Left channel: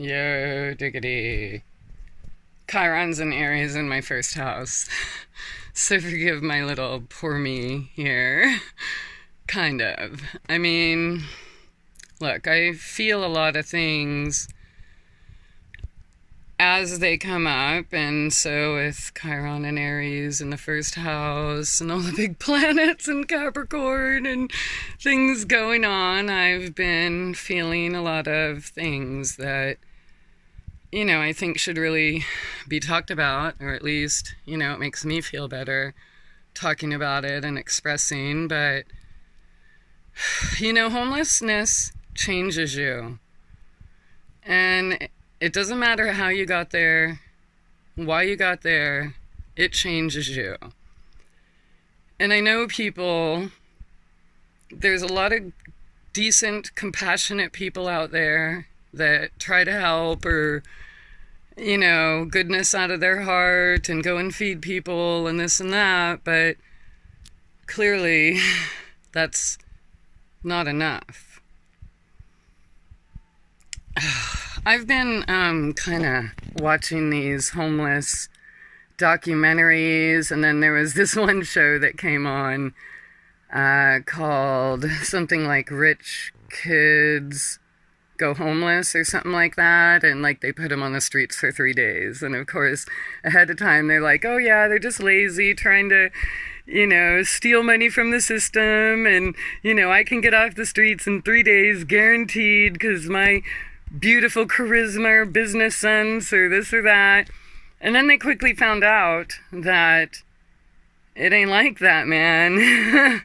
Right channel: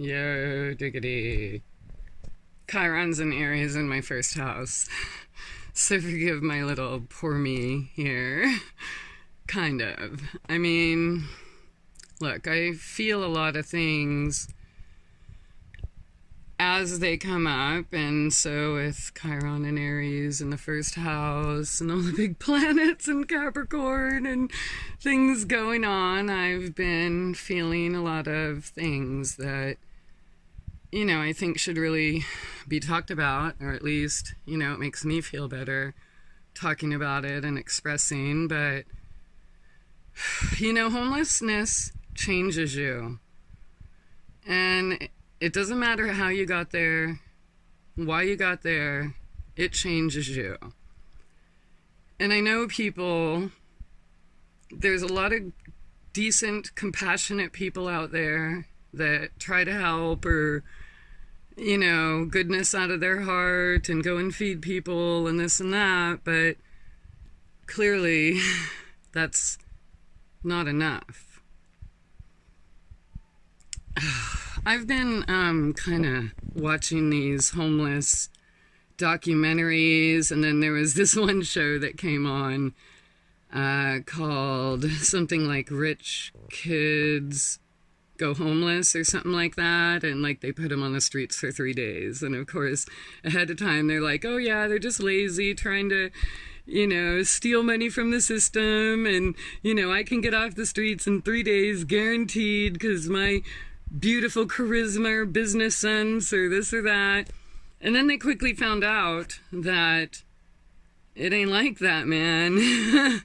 Yo, diggity. Chiron's and Aries in my first house. So forgive my little poor me here. Kind of. I mean, look, I feel a lot of things as they come up, and so with Chiron and Aries in the first house and all the big planets in Capricorn and things going on, I've been feeling a lot of things that, I think should really be talked about, or at least, it makes me feel better talking about it and expressing. But, homelessness changes you. And it doesn't matter how you got there, why you got there, it changes you. And I know there's a lot of decent, compassionate people out there that try to help, or, goodness out of their heart and go and feed people and this and that, but clearly that's not enough. I've been kind of watching these homeless documentaries, and then there was this one show that came on called something like Rich Kids Go Homeless or something like that, and like they put them on the streets for 3 days, and of course ahead of time they're like, oh yeah, they're just lazy, trying to steal money from the system, and I can get off the streets in 3 days guaranteed because my beautiful charisma or business sense or this or that. And then they quickly found out that it ain't like that, man.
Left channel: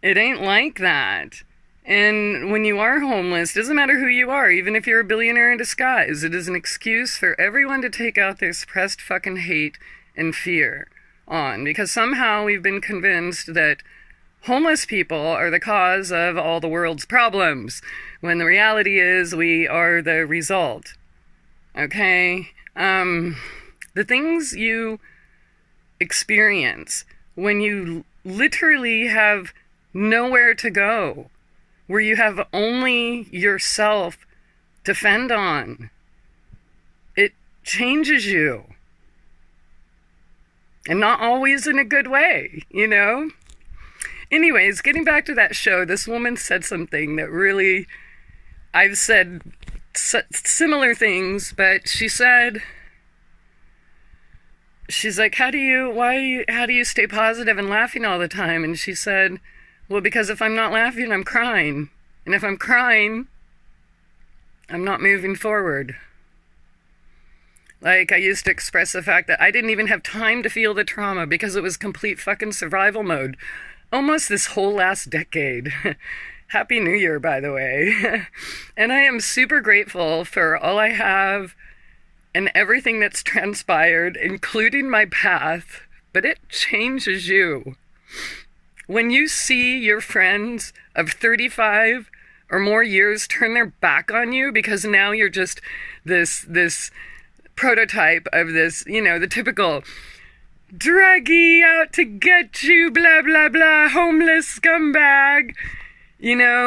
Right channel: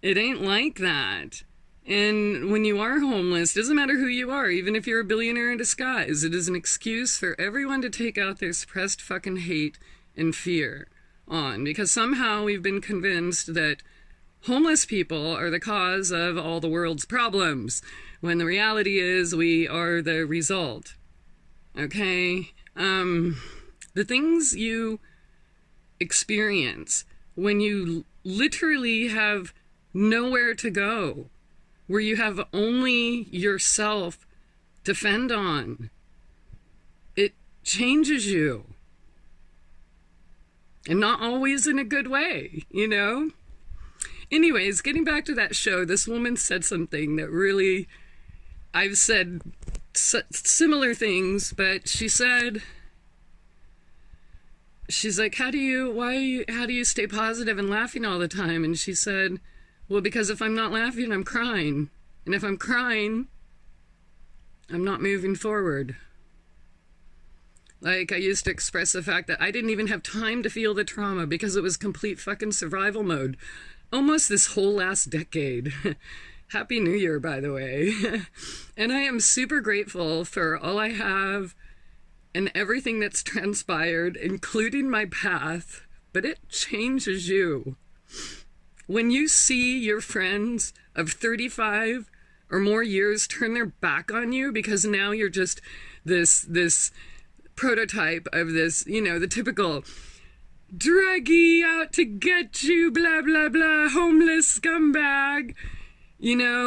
It ain't like that. And when you are homeless, doesn't matter who you are, even if you're a billionaire in disguise, it is an excuse for everyone to take out their suppressed fucking hate and fear on, because somehow we've been convinced that homeless people are the cause of all the world's problems, when the reality is we are the result. Okay? The things you experience when you literally have nowhere to go, where you have only yourself to fend on, it changes you. And not always in a good way, Anyways, getting back to that show, this woman said something that really, I've said similar things, but she's like, how do you stay positive and laughing all the time? And she said, well, because if I'm not laughing, I'm crying. And if I'm crying, I'm not moving forward. Like, I used to express the fact that I didn't even have time to feel the trauma because it was complete fucking survival mode. Almost this whole last decade. Happy New Year, by the way. And I am super grateful for all I have and everything that's transpired, including my path, but it changes you. When you see your friends of 35 or more years turn their back on you because now you're just this prototype of this, the typical druggie out to get you, blah, blah, blah, homeless scumbag.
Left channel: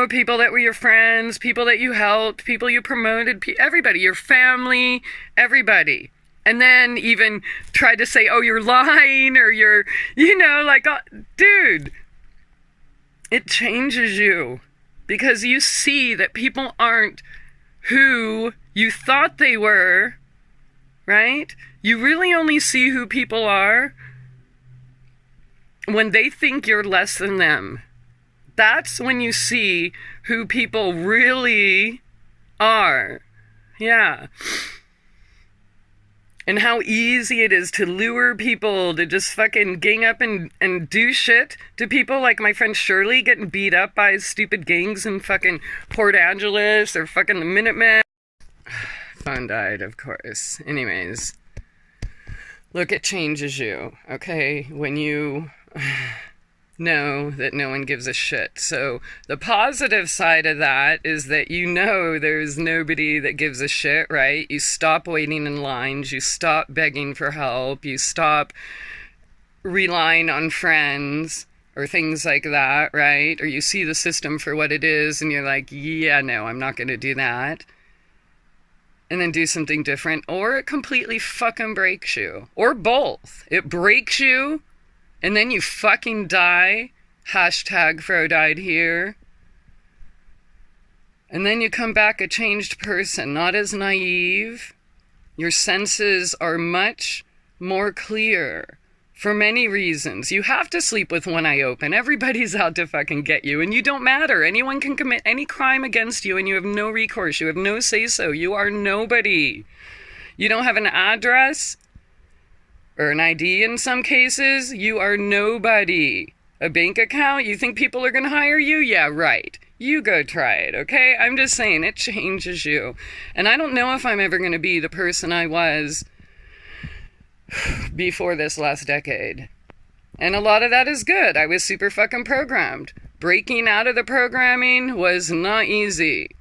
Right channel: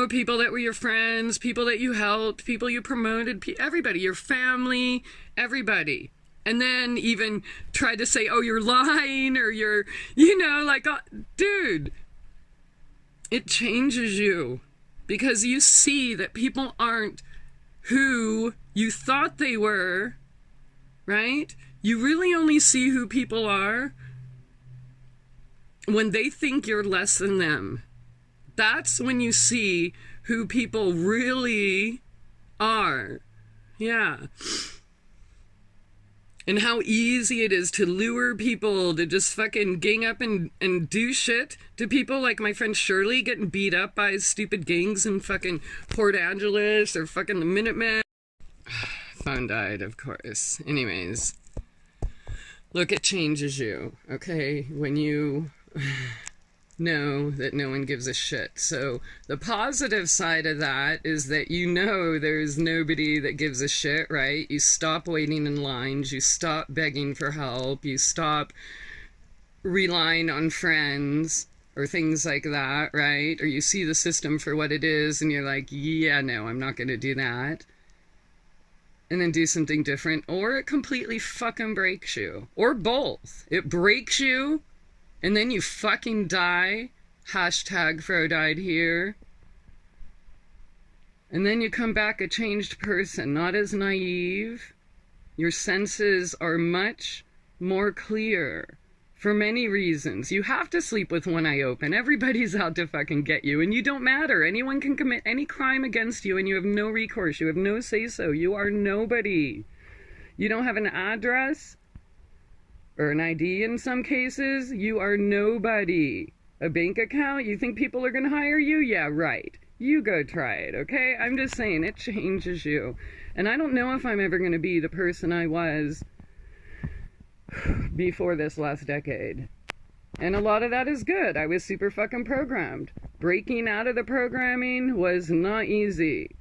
People that were your friends, people that you helped, people you promoted, everybody, your family, everybody. And then even tried to say, oh, you're lying, or you're, dude, it changes you because you see that people aren't who you thought they were, right? You really only see who people are when they think you're less than them. That's when you see who people really are. Yeah. And how easy it is to lure people to just fucking gang up and do shit to people, like my friend Shirley getting beat up by stupid gangs in fucking Port Angeles or fucking the Minutemen. Phone died, of course. Anyways. Look, it changes you, okay? When you know that no one gives a shit. So the positive side of that is that there's nobody that gives a shit, right? You stop waiting in lines, you stop begging for help, you stop relying on friends or things like that, right? Or you see the system for what it is and you're like, yeah, no, I'm not going to do that. and then do something different, or it completely fucking breaks you, or both. It breaks you and then you fucking die. Hashtag Fro died here. And then you come back a changed person, not as naive. Your senses are much more clear for many reasons. You have to sleep with one eye open. Everybody's out to fucking get you, and you don't matter. Anyone can commit any crime against you, and you have no recourse. You have no say-so. You are nobody. You don't have an address or an ID in some cases. You are nobody. A bank account? You think people are going to hire you? Yeah, right. You go try it, okay? I'm just saying, it changes you. And I don't know if I'm ever going to be the person I was before this last decade. And a lot of that is good. I was super fucking programmed. Breaking out of the programming was not easy.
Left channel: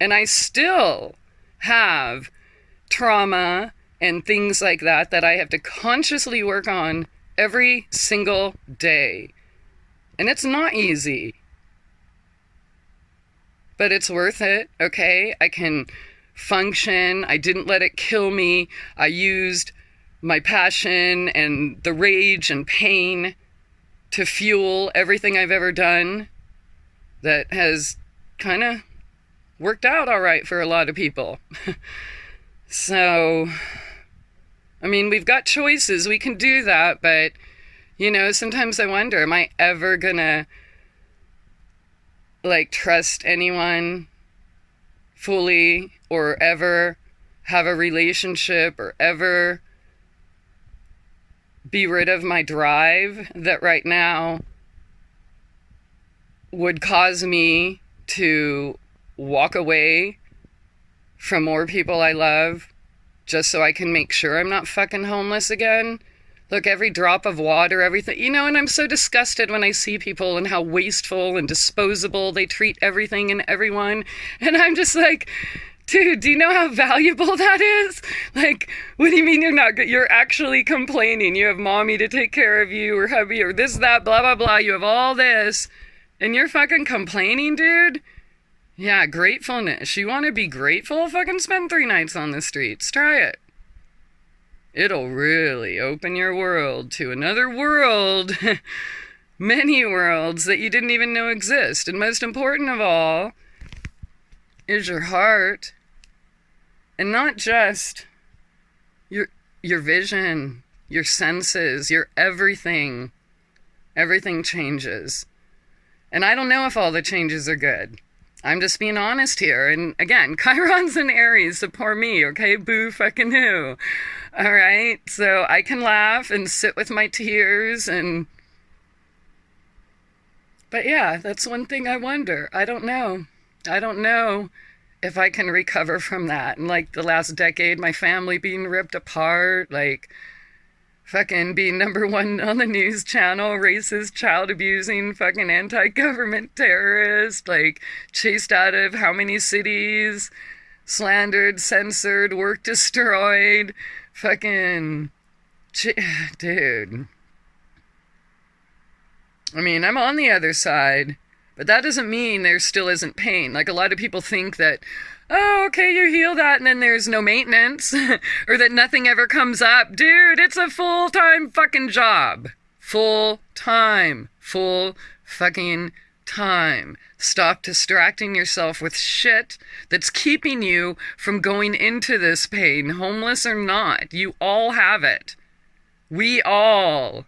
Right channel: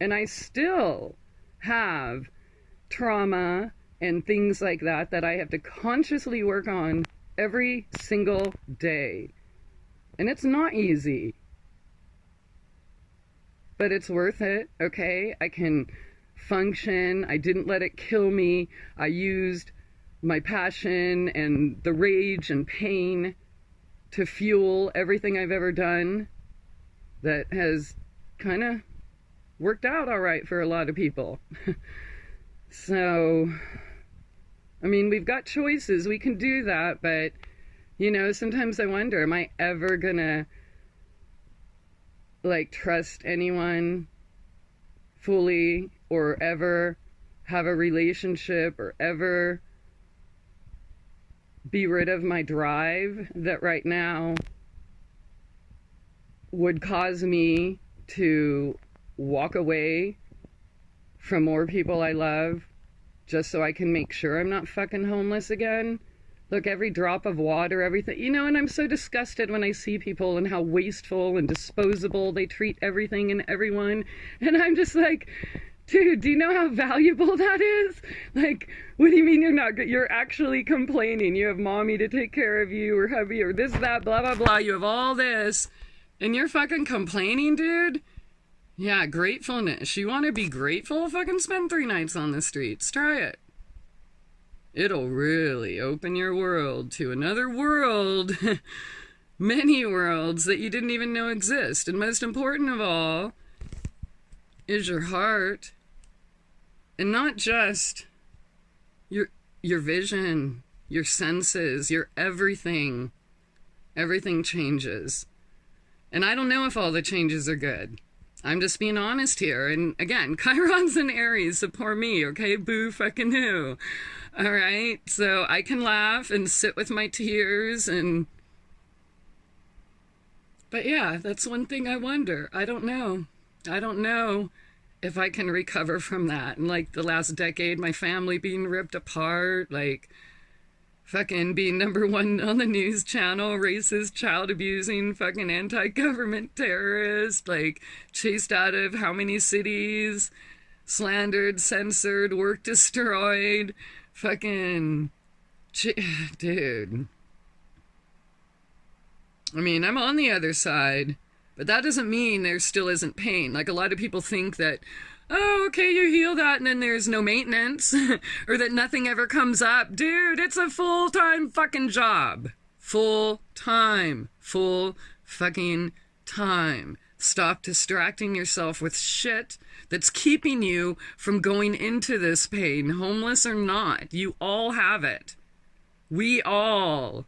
And I still have trauma and things like that I have to consciously work on every single day. And it's not easy. But it's worth it, okay? I can function. I didn't let it kill me. I used my passion and the rage and pain to fuel everything I've ever done that has kind of worked out all right for a lot of people. So, I mean, we've got choices. We can do that, but, you know, sometimes I wonder, am I ever gonna, like, trust anyone fully, or ever have a relationship, or ever be rid of my drive that right now would cause me to walk away from more people I love just so I can make sure I'm not fucking homeless again? Look, every drop of water, everything, you know, and I'm so disgusted when I see people and how wasteful and disposable they treat everything and everyone. And I'm just like, dude, do you know how valuable that is? Like, what do you mean you're actually complaining? You have mommy to take care of you, or hubby, or this, that, blah, blah, blah. You have all this, and you're fucking complaining, dude? Yeah, gratefulness. You want to be grateful? Fucking spend 3 nights on the streets. Try it. It'll really open your world to another world. Many worlds that you didn't even know exist. And most important of all is your heart. And not just your vision, your senses, your everything. Everything changes. And I don't know if all the changes are good. I'm just being honest here. And again, Chiron's in Aries, so poor me, okay? Boo fucking who. All right? So I can laugh and sit with my tears and... But yeah, that's one thing I wonder. I don't know. I don't know if I can recover from that. And like the last decade, my family being ripped apart, like fucking being #1 on the news channel, racist, child abusing, fucking anti-government terrorist, like chased out of how many cities, slandered, censored, work destroyed, fucking, dude. I mean, I'm on the other side, but that doesn't mean there still isn't pain. Like a lot of people think that, oh, okay, you heal that and then there's no maintenance or that nothing ever comes up. Dude, it's a full-time fucking job. Full-time. Full fucking time. Stop distracting yourself with shit that's keeping you from going into this pain, homeless or not. You all have it. We all.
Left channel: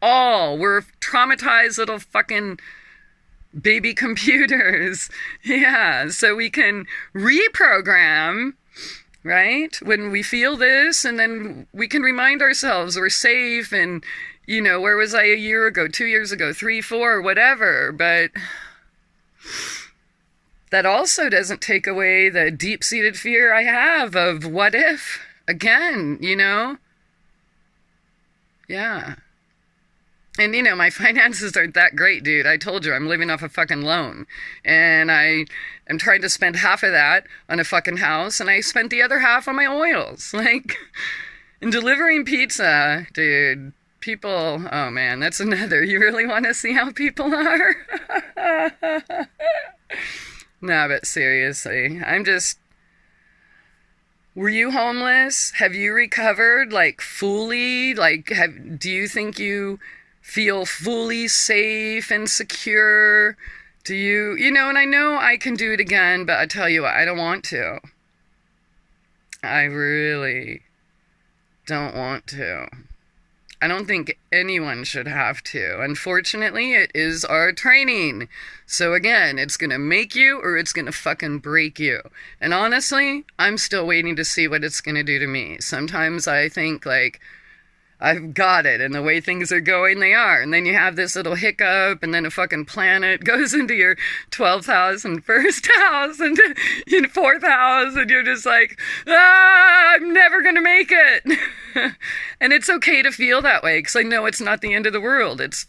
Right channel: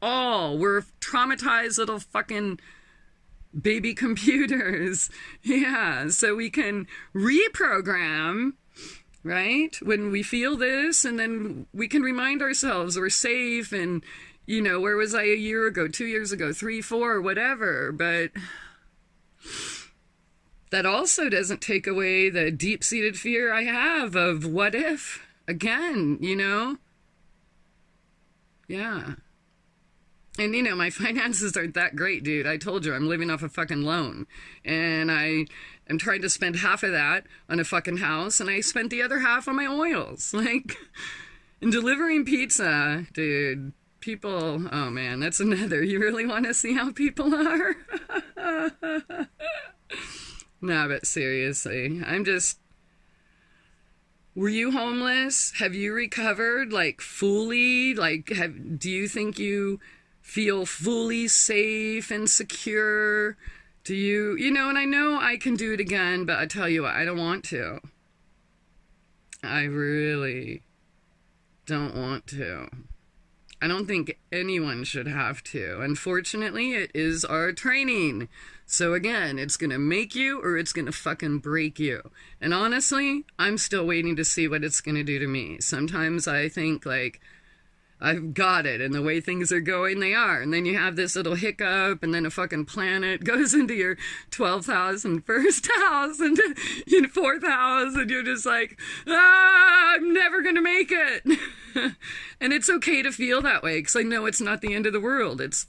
We're traumatized little fucking baby computers. Yeah, so we can reprogram, right? When we feel this, and then we can remind ourselves we're safe, and, you know, where was I a year ago, 2 years ago, 3, 4, whatever. But that also doesn't take away the deep-seated fear I have of what if, again, you know? Yeah. And, you know, my finances aren't that great, dude. I told you, I'm living off a fucking loan. And I am trying to spend half of that on a fucking house, and I spent the other half on my oils. Like, and delivering pizza, dude, people, oh man, that's another. You really want to see how people are? No, but seriously, I'm just, Were you homeless? Have you recovered like fully? Like, do you think you feel fully safe and secure? Do you, and I know I can do it again, but I tell you what, I don't want to. I really don't want to. I don't think anyone should have to. Unfortunately, it is our training. So again, it's going to make you or it's going to fucking break you. And honestly, I'm still waiting to see what it's going to do to me. Sometimes I think like, I've got it, and the way things are going, they are. And then you have this little hiccup, and then a fucking planet goes into your 12th house and first house and your fourth house, and you're just like, I'm never gonna make it. And it's okay to feel that way, because I know it's not the end of the world. It's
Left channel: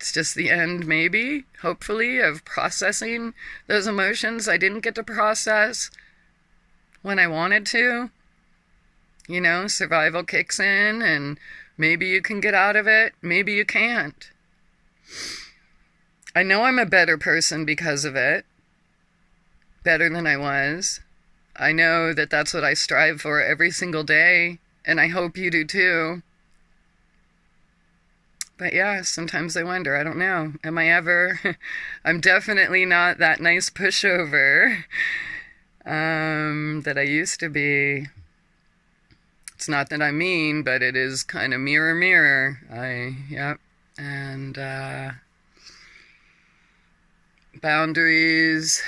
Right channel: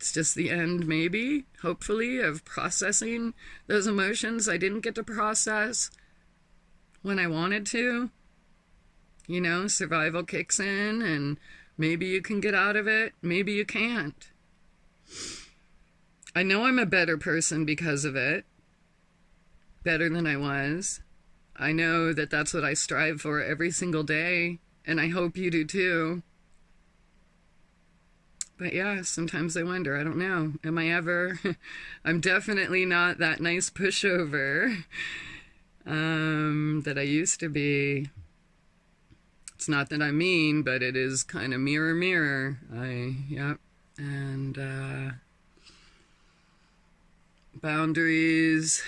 just the end, maybe, hopefully, of processing those emotions I didn't get to process when I wanted to. Survival kicks in, and maybe you can get out of it, maybe you can't. I know I'm a better person because of it, better than I was. I know that that's what I strive for every single day, and I hope you do too. But yeah, sometimes I wonder, I don't know, am I ever, I'm definitely not that nice pushover that I used to be. It's not that I'm mean, but it is kind of mirror, mirror. Yep. And boundaries,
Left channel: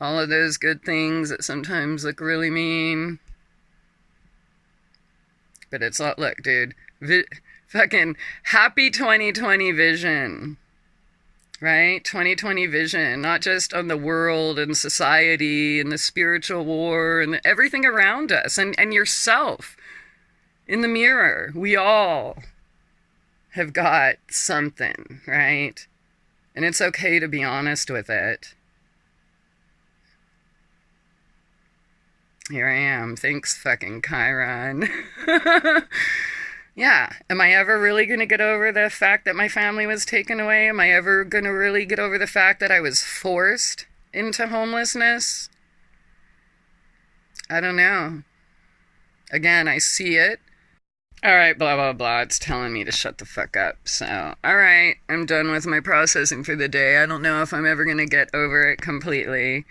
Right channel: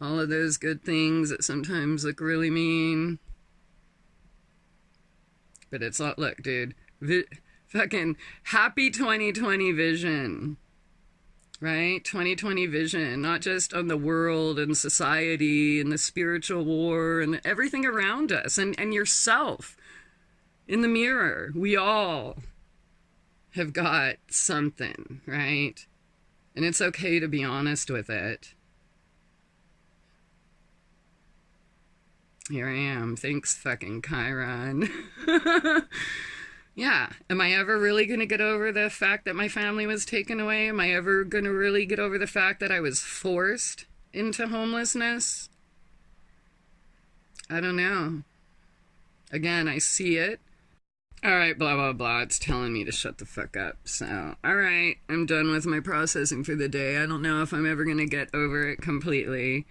all of those good things that sometimes look really mean. But it's all, look, dude, fucking happy 2020 vision, right? 2020 vision, not just on the world and society and the spiritual war and everything around us and yourself. In the mirror, we all have got something, right? And it's okay to be honest with it. Here I am. Thanks, fucking Chiron. Yeah. Am I ever really going to get over the fact that my family was taken away? Am I ever going to really get over the fact that I was forced into homelessness? I don't know. Again, I see it. All right, blah, blah, blah. It's telling me to shut the fuck up. So, all right, I'm done with my processing for the day. I don't know if I'm ever going to get over it completely.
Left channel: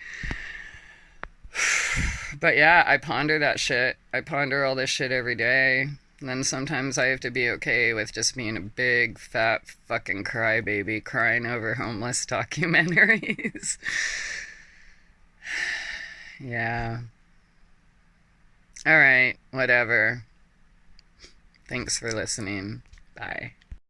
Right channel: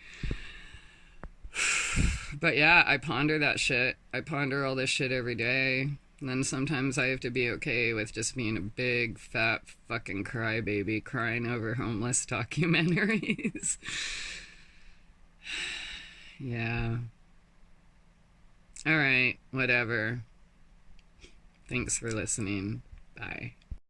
But yeah, I ponder that shit. I ponder all this shit every day. And then sometimes I have to be okay with just being a big, fat, fucking crybaby crying over homeless documentaries. Yeah. All right, whatever. Thanks for listening. Bye.